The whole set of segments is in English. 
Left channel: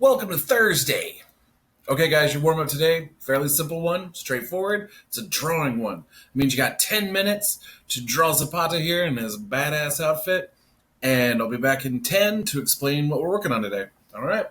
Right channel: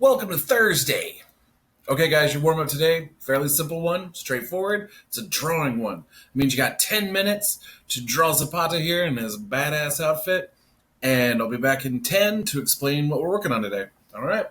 Welcome to Thursday. Okay, guys, your warm up today, fairly simple one, straightforward. It's a drawing one. It means you got 10 minutes to draw Zapata here in his badass outfit. And I'll be back in 10 to explain what we're working on today. All right.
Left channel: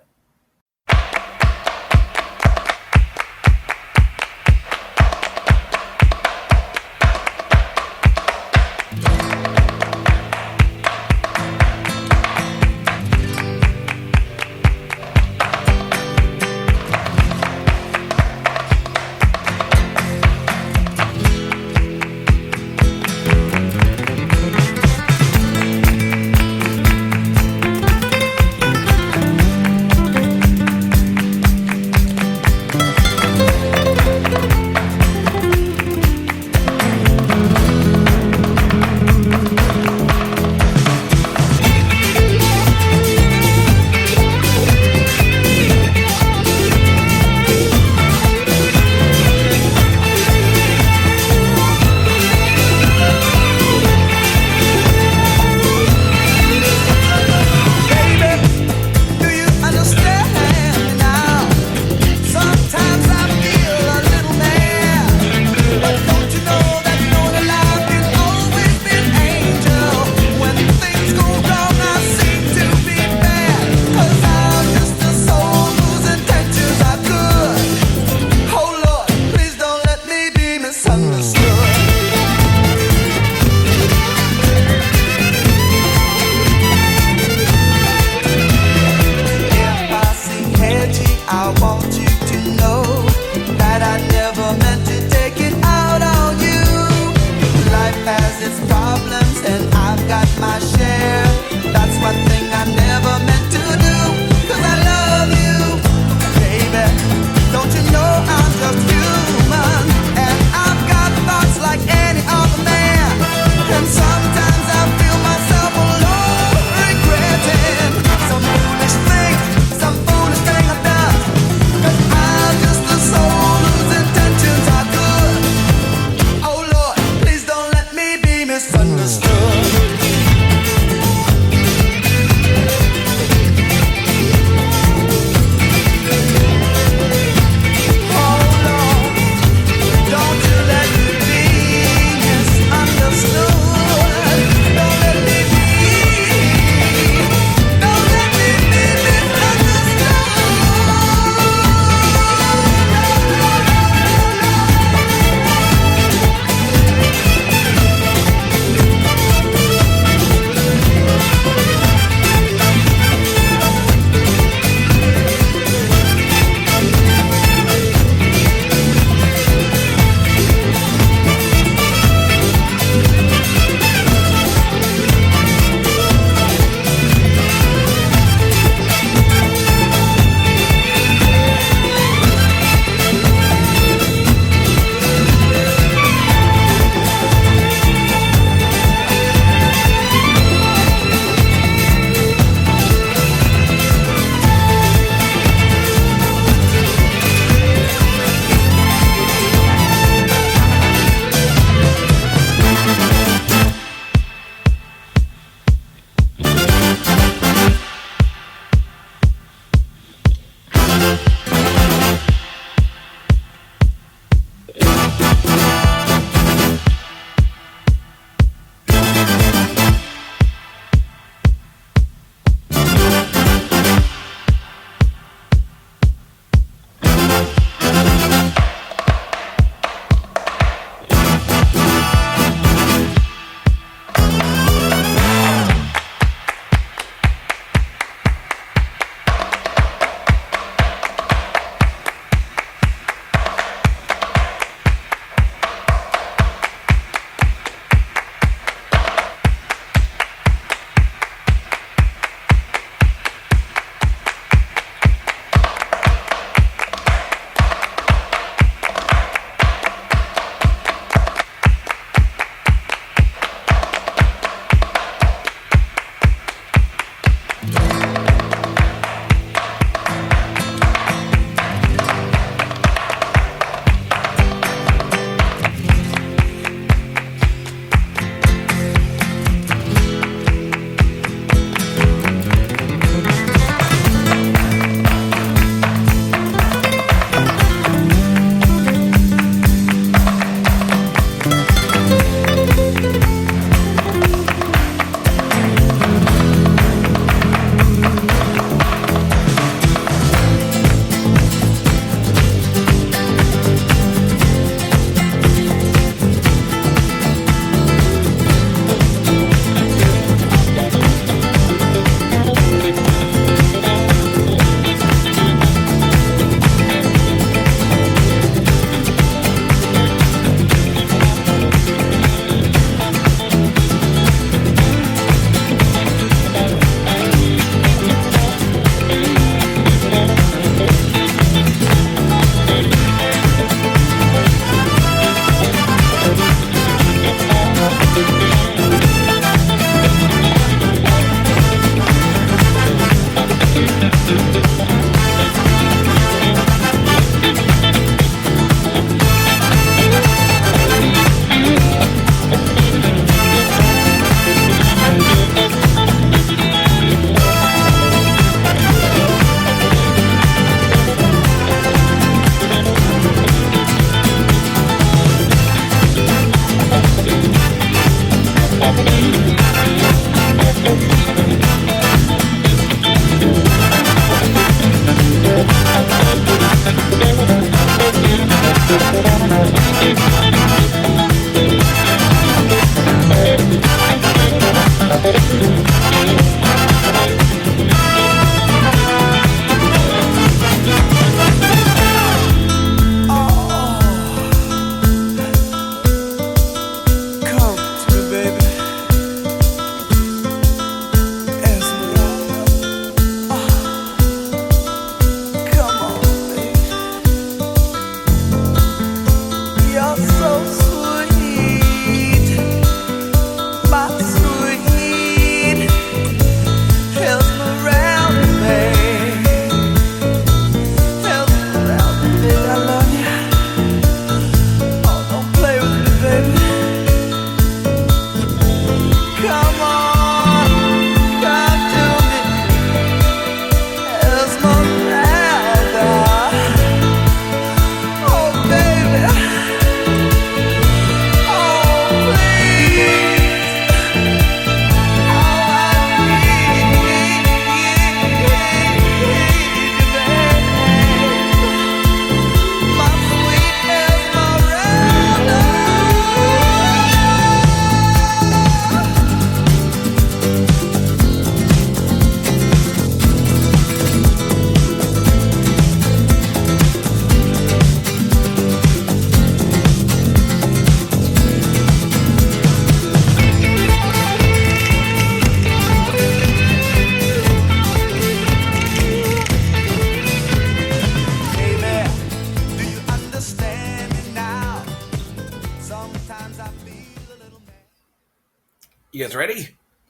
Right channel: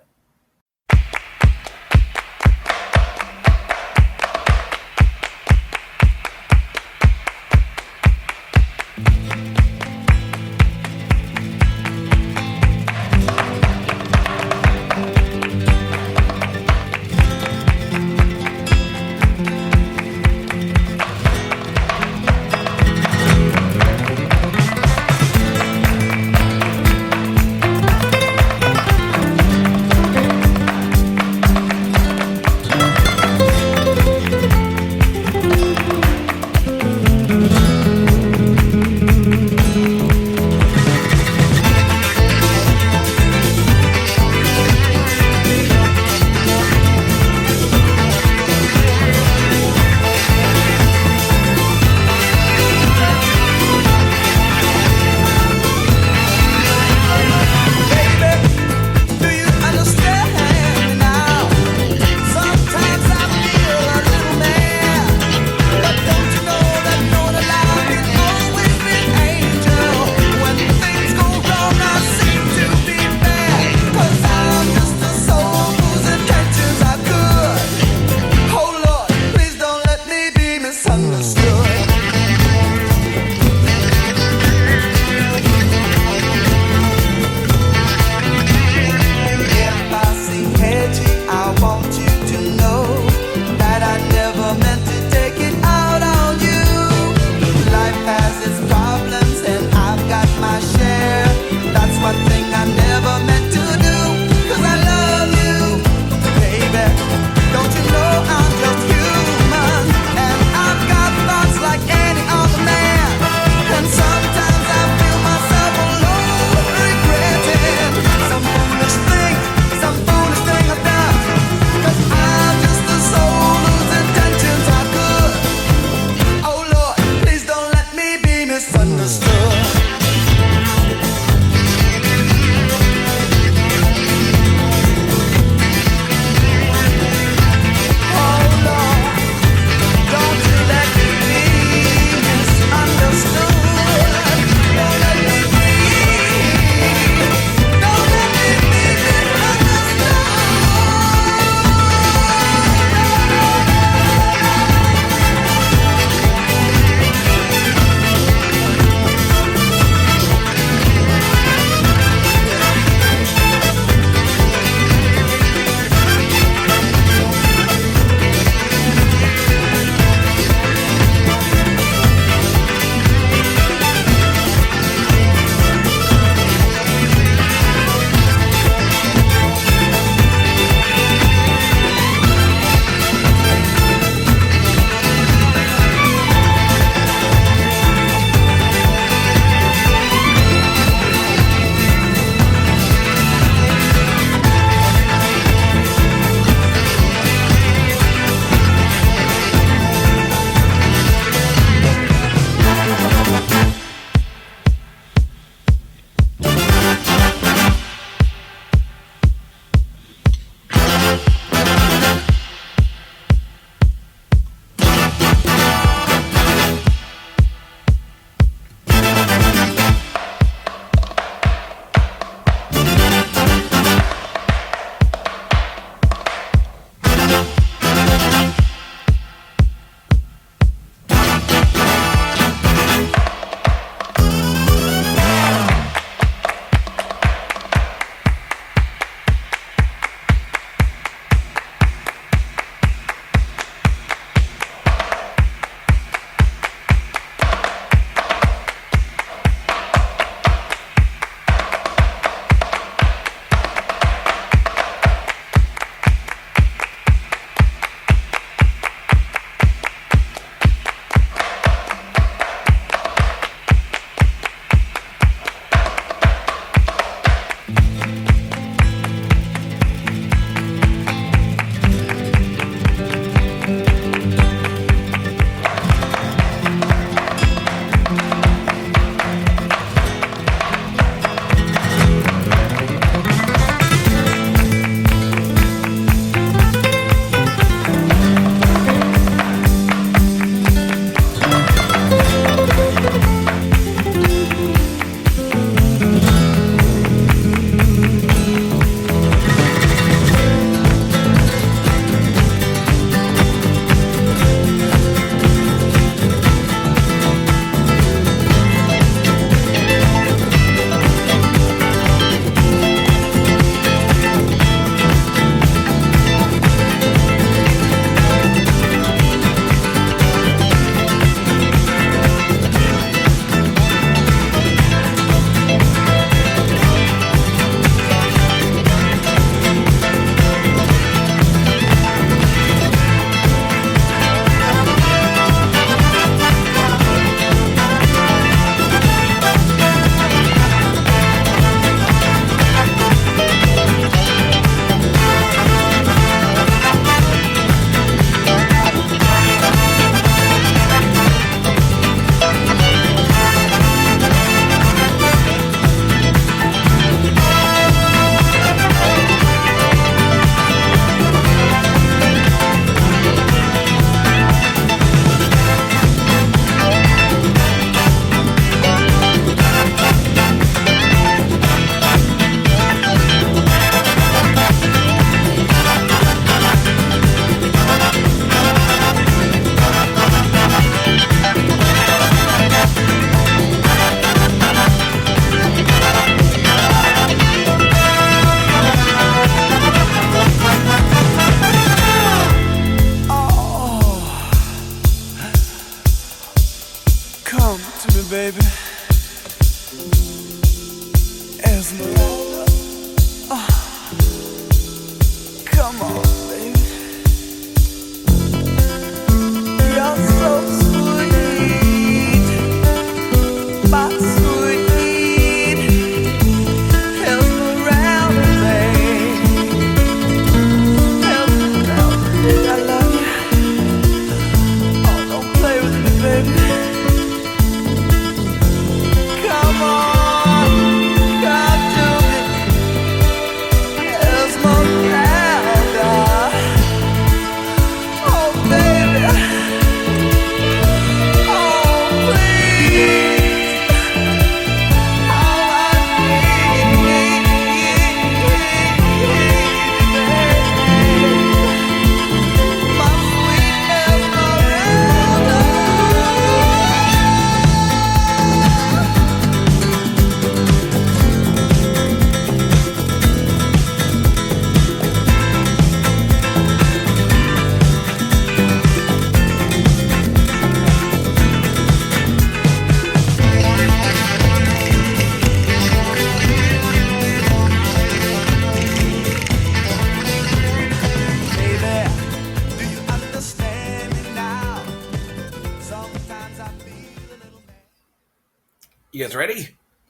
You guys ready?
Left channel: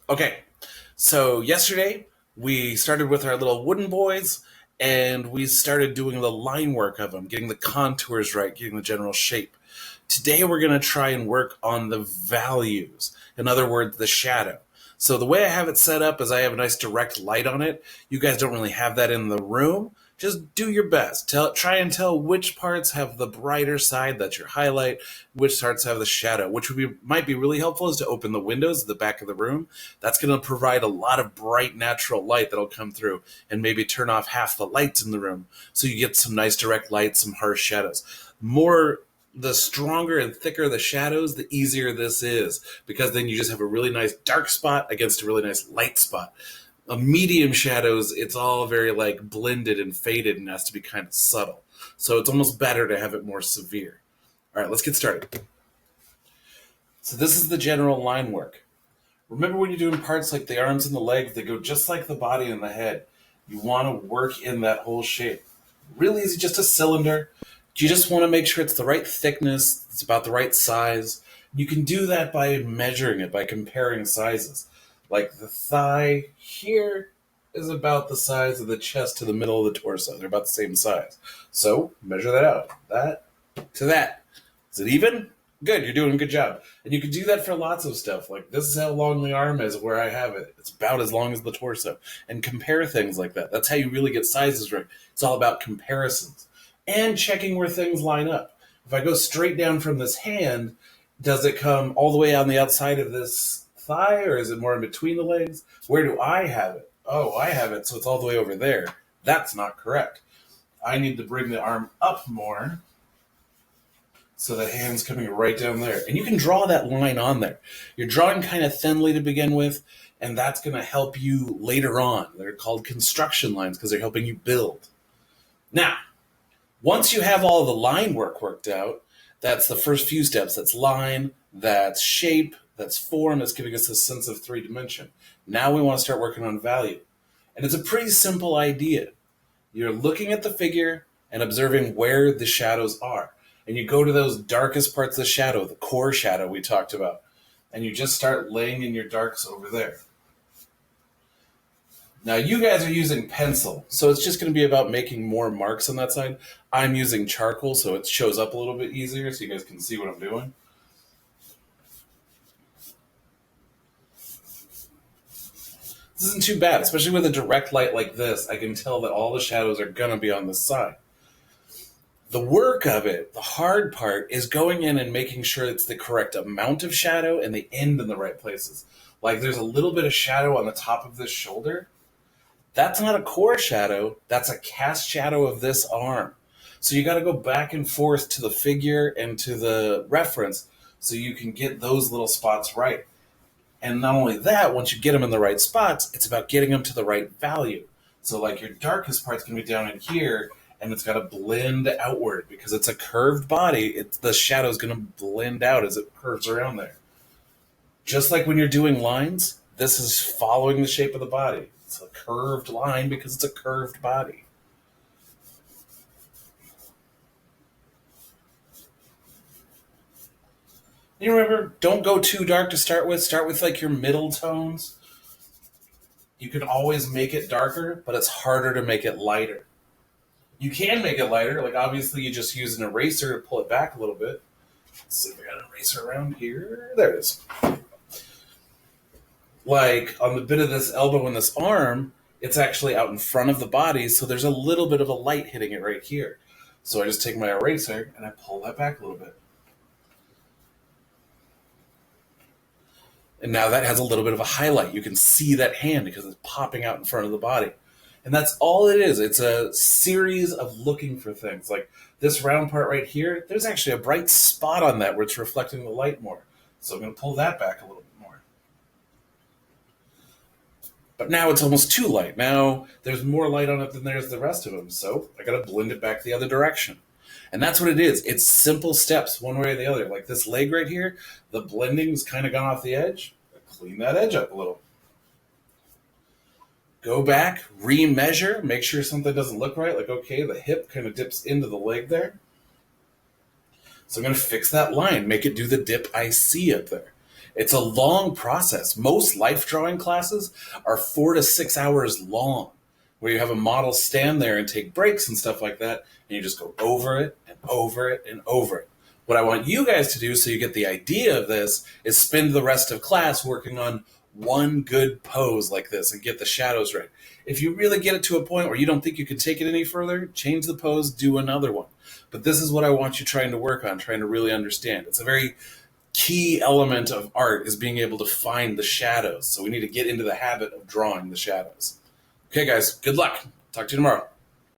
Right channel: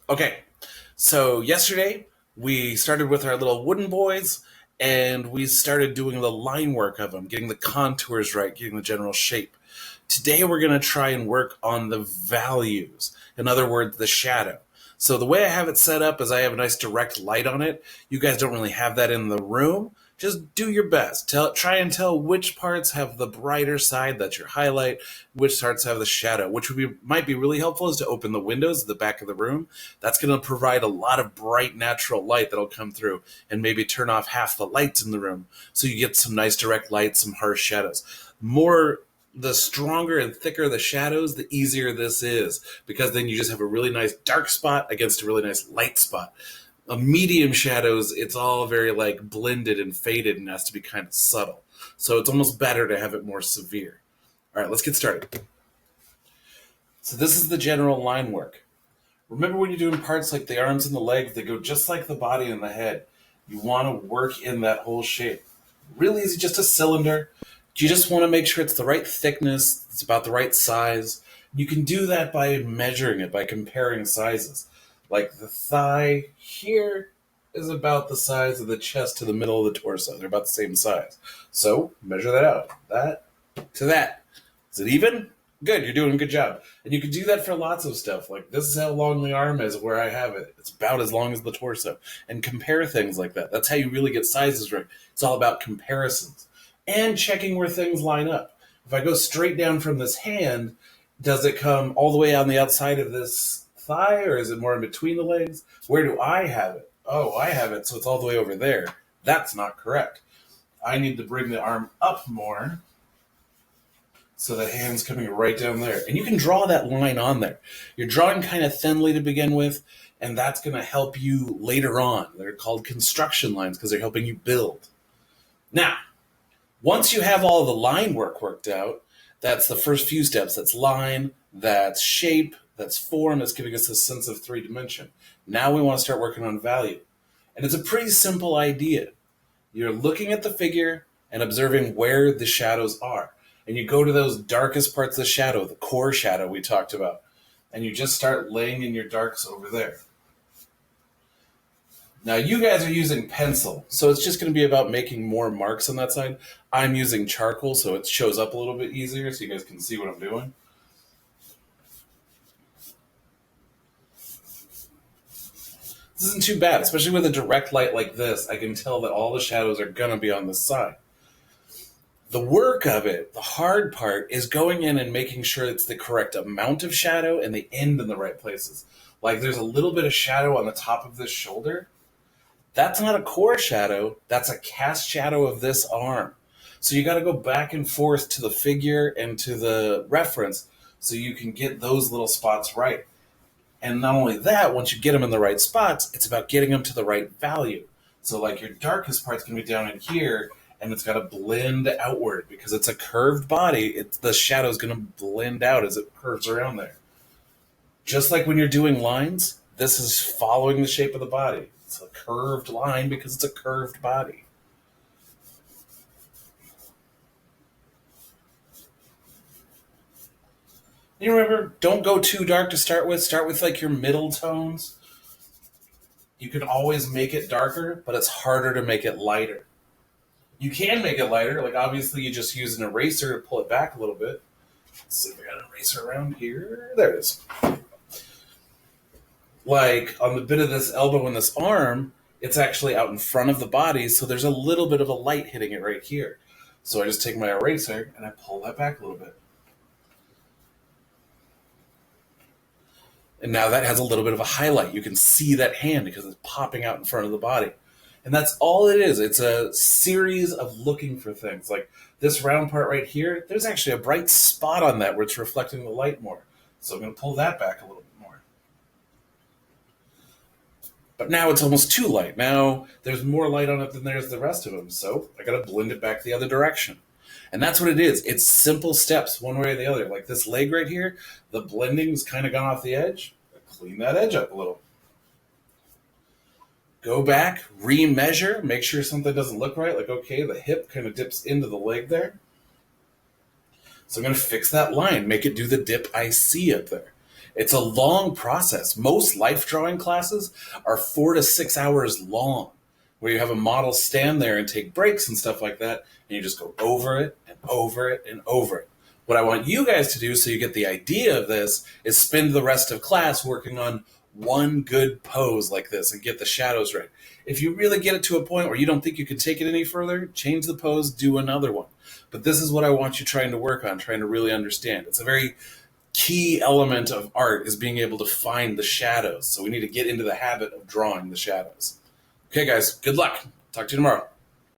Okay. So yesterday we started with our little wooden boys and we started doing the line work of them, getting the contours right, getting the general shape. Today we're going to try and work on the values. In other words, the shadow. So the way I have it set up is I have a nice direct light on it. You guys don't really have that in the room. Just do your best. Try and tell which parts have the brighter side, that's your highlight, which parts have the shadow. Which might be really helpful is to open the windows at the back of the room. That's going to provide a lot of bright natural light that'll come through and maybe turn off half the lights in the room so you get some nice direct light, some harsh shadows. The stronger and thicker the shadows, the easier this is, because then you just have a really nice dark spot against a really nice light spot. A medium shadows, it's all very like blended and faded and has to be kind of subtle. So it's almost better to have it more severe. All right, let's get started. So this is the general line work. Remember when you're doing parts like the arms and the legs, they go just like the body and the head. You want to work in that whole shape. Really easy, just a cylinder. You just want to make sure it's the right thickness, it's about the right size. You can do that by measuring it, by comparing sizes. Like the thigh here is about the size of the chest to the middle of the torso. They're about the same size. So measure that out. That to that. Is it even? Good, you're doing a good job. And you can do that for lots of stuff. Like this is how long the arm is where I have it. It's about as long as the torso. And compare things like that. That's how you really get sizes right. It's all about comparisons. And checking where things line up. If I go straight down from this hand, does it come all the way on the outside of this thigh, or is it more in between the legs? Where do I have it? Oh, I have it, so it's all the way over there. That's not correct. I need to bring the arm up more so the hand's coming right down there. And you can draw that line on there. You're drawing kind of thinly to begin with, and that's going to help you later on. They're called construction lines because they're helping you build. Now, once you have all the line work worked out, that's the first few steps. That's line, that's shape, that's form, that's giving us a sense of three dimension. Now we want to start working on value. And it's a pretty simple idea. You're looking at the figure and observing where the shadows are. And you go to those darkest parts of the shadow, the core shadow we talked about, and you just start laying in your darks over there. Now, you guys are using pencil, so it's just going to be about making more marks on that side. I'm using charcoal, so it shows up a little bit easier so you guys can see what I'm doing. This isn't too bad, especially with a direct light like this. I can tell that all the shadows are going to be on this side. The work of it, the hard part, is going in and making sure it's the correct amount of shadow and the end in the right places. Like there's a little bit of shadow on the top of this shoulder. That's not a core shadow, that's a cast shadow of this arm. So you got to go back and forth to the figure and to the reference so you can get those little spots right. And not only that, once you get them in the right spots, it's about getting them to the right value. So like your darkest part's going to be down in here, and it's got to blend outward because it's a curved body. The shadow's going to blend out as it curves around there. Just like when you're doing lines, this is following the shape of the body. It's a curved line because it's a curved body. You remember, don't go too dark to start with. Start with like your middle tones. You can always make it darker, but it's harder to make it lighter. You can make it lighter. Like obviously you just use an eraser to pull it back a little bit. Let's see if I got an eraser around here. There it is. Like on the bit of this elbow and this arm, it's actually out in front of the body, so there's a little bit of a light hitting it right here. So I just take my eraser and I pull that back a little bit. And now that has a little bit of a highlight. You can see that hand because it's popping out in front of the body. And that's all it is. It's a series of looking for things. Like this round part right here, there's actually a bright spot on that where it's reflecting the light more. So I'm going to pull that back a little bit more. But now it's almost too light. Now there's more light on it than there's the rest of them. So I got to blend it back the other direction. And that's what it is. It's simple steps, one way or the other. Like this leg right here, the blending's kind of gone off the edge. Clean that edge up a little. Go back, re-measure, make sure something doesn't look right. Like, okay, the hip kind of dips into the leg there. So I'm going to fix that line, make it do the dip I see up there. It's a long process. Most life drawing classes are 4 to 6 hours long, where you have a model stand there and take breaks and stuff like that, and you just go over it and over it and over it. What I want you guys to do, so you get the idea of this, is spend the rest of class working on one good pose like this and get the shadows right. If you really get it to a point where you don't think you can take it any further, change the pose, do another one. But this is what I want you trying to work on, trying to really understand. It's a very key element of art, is being able to find the shadows. So we need to get into the habit of drawing the shadows. Okay, guys, good luck. Talk to you tomorrow.